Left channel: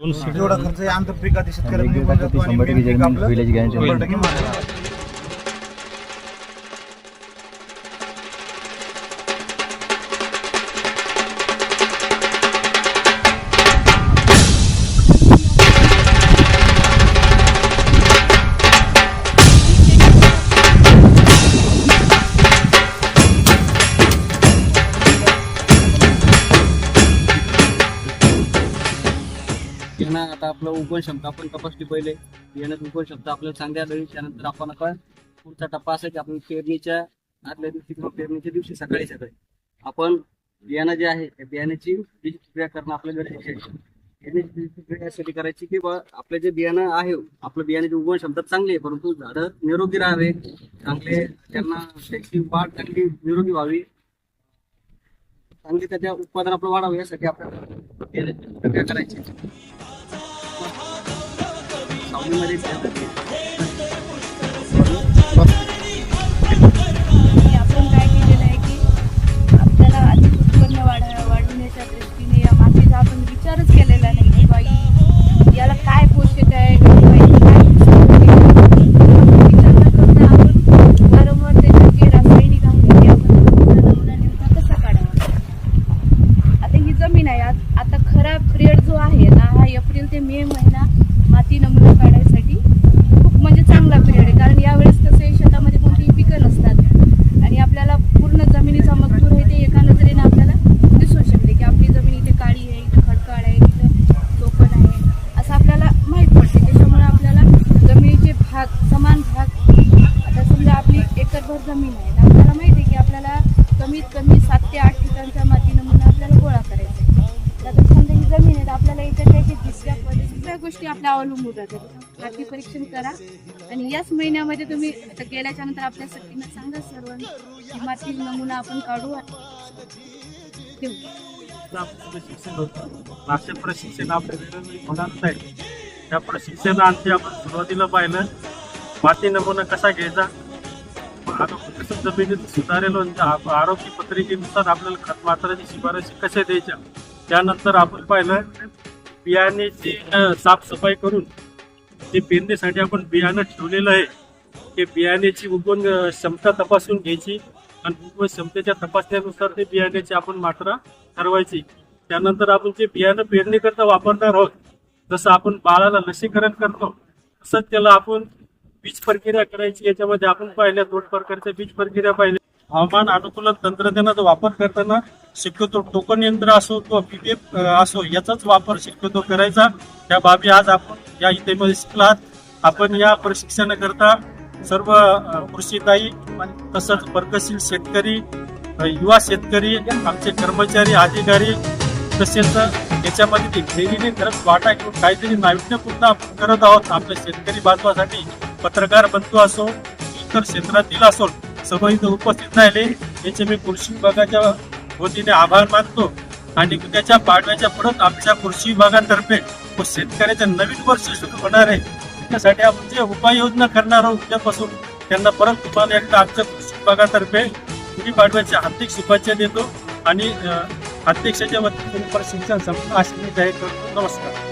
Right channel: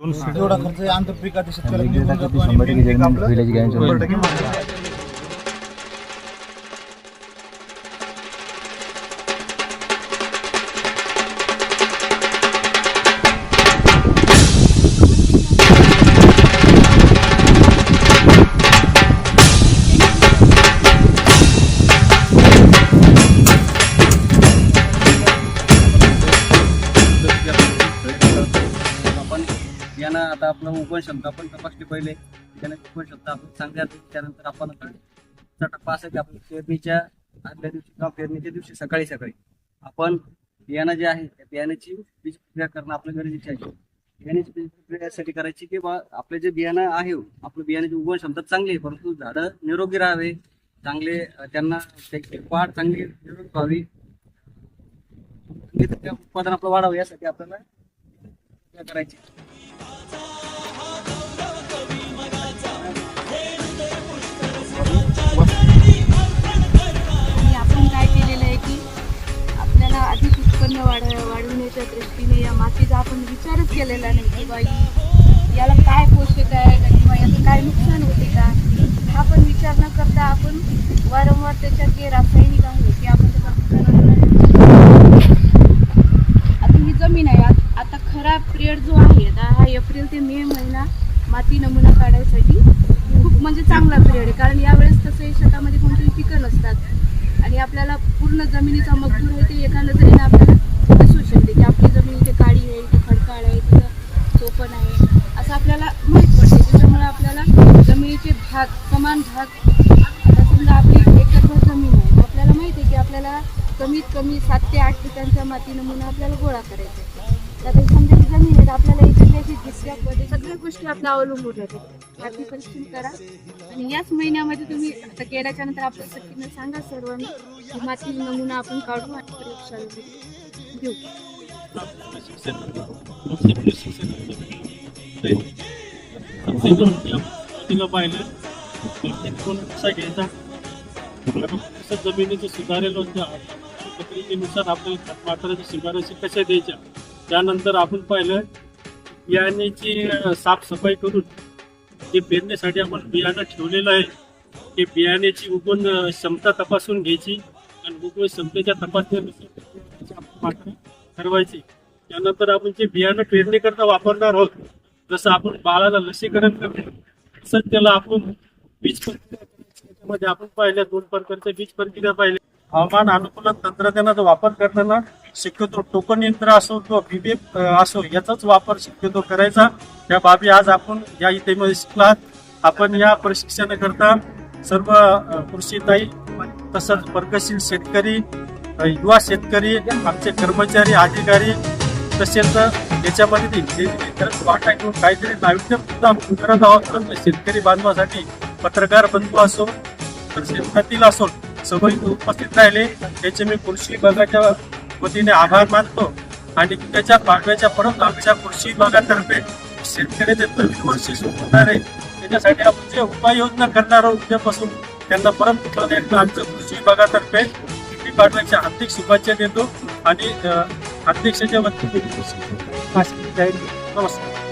जेवढा खर्च आहे आंतरपिकात शेतकऱ्याला निघून जातो आणि मेन पीक आपलं 100% मागतं. बियाणं आता आपलं उगवण क्षमता आपण तपासली पहिले. बियाण्याची उगवण क्षमता आपल्याला चांगली आढळली. त्यानंतर आपण आता पुढचा टप्पा असा की आपण पेरणीच्या आदल्या दिवशी किंवा पेरणीच्या दिवशी सकाळी आपण बियाणं जे आहे त्या बियाण्याची बीज प्रक्रिया करणं आपल्या गरजेचे आहे. बियाण्याची बीज प्रक्रिया यासाठी करायची की बा आपलं जे बियाणं आहे आपलं बियाण्याची उगवण क्षमता चांगली आहे, परंतु झाडं निरोगी राहावे, चांगले त्यांना त्याची वाढ चांगली निरोगी व्हावी, चांगली त्याच्या उत्पादन आपलं वाढावं यासाठी आपल्याला बियाण्याची प्रक्रिया करायची. आपण काय केलेलं आहे की आपल्याला अधिक उत्पन्न वाढवण्याच्या दृष्टीने या मातीचा आपण विचारच केलेला नाही की बाई याला काय पोषक आहे, बाई काय आपण विचार न करता आपण वारंवार त्याच्यात जे रासायनिक आहे ते आपण आता ही जमीन आहे. आता खरा पिरियड जो आहे ना हा एप्रिल ते मे महिना माती नमुना काढायसाठी खूप म्हणजे चांगला पिरियड आहे. कारण यावेळेस कसे शेतामध्ये कोणतीही पिकं नसतात आणि आपल्याला पूर्ण जमिनीचा मजदूर आहे ते एका नजरेने आपल्याला दिसू शकते की आपली जमीन इथे काळी आहे, इथे खडकाळ आहे, इथं चोपण आहे असं आपल्याला माहीत पडते. त्याच्यामुळे आपल्याला जमिनीचे भाग समान भाग आता समजा आपली एकरभर जमीन आहे आपल्याला माहिती आहे की आपल्याला कमीत कमी 7 ते 8 ठिकाणचा माती नमुना आपल्याला गोळा करायचा आहे. तर समजा ही जमीन आहे आपल्याला इथे काही दिसल्या सगळ्या गोष्टी आपल्या अवलंबून राहतात. माती परीक्षण करा आणि याच महिन्यामध्ये तुम्ही आता गेल्याच्या नंतर आपल्या सगळ्यांना सांगा सर्वांना की माती नमुना आपण काढू आणि देऊ. प्रशिक्षण आपल्याकडे होणार आहे. त्या प्रशिक्षणाअंती आपण सुरुवातीला पाहिलं माती नमुना कसा घ्यायचा, कसं जमिनीचं सुधारेल म्हणजे आरोग्य पत्रिकेनुसार आपल्याला खत मात्राची शिफारशी कशा द्यायच्या. त्यानंतर आपण पाहिलं बियाण्याची साफसफाई करून ते पेरण्यासाठी आपण बियाणं ठेवलेलं आहे ते बियाण्याची उगवण क्षमता तपासून घ्यायची आणि उगवण क्षमतेच्या तपासण्यानुसार ते बियाण्याची आपण मात्रा ठरवायची. त्यानंतर आपण जे बियाणं पेरणीकरता वापरणार आहोत, जसं आपण बाळाला लसीकरण करतो तसंच त्याला आपण बीज प्रक्रिया करायची. याच्यामध्ये आपण पाहिल्या 2 प्रकारच्या बीज प्रक्रिया पाहिल्या. हवामान अनुकूलन तंत्रज्ञानाचा वापर करताना शक्यतो टोकन यंत्र असो किंवा बीबीएफ असो याचाच वापर शक्यतो करायचा. त्या बाबी आज आपण या इथे शिकलात. आपण या प्रशिक्षणाकरता सर्व कृषीताई तसंच प्रगतशील शेतकरी, युवा शेतकरी, आमचे कर्मचारी, अधिकारी तसेच याच्यामध्ये डेली खरंच वाटा घेऊन काहीतरी नाविन्यपूर्ण आपण करत आहोत. आपल्या शेतकरी बांधवासाठी पत्रकार बंधू असो इतर क्षेत्रातील असो सर्व इथं उपस्थित राहिले त्याचे मी कृषी विभागाच्या वतीने आभार मानतो. आणि त्याच्या पाडव्याच्या परत आमच्या कृषी विभागातर्फे शेतकऱ्याचे नवीन वर्ष सुरू होणार आहे त्याच्यासाठी आपण जे उपाययोजना करणार आहोत उद्यापासून त्यांना परत तुम्हाला एकदा आमच्या कृषी विभागातर्फे गुढीपाडव्याच्या हार्दिक शुभेच्छा देतो आणि अध्यक्षाच्या वतीने प्रशिक्षण संपन्न असे जाहीर करतो. नमस्कार.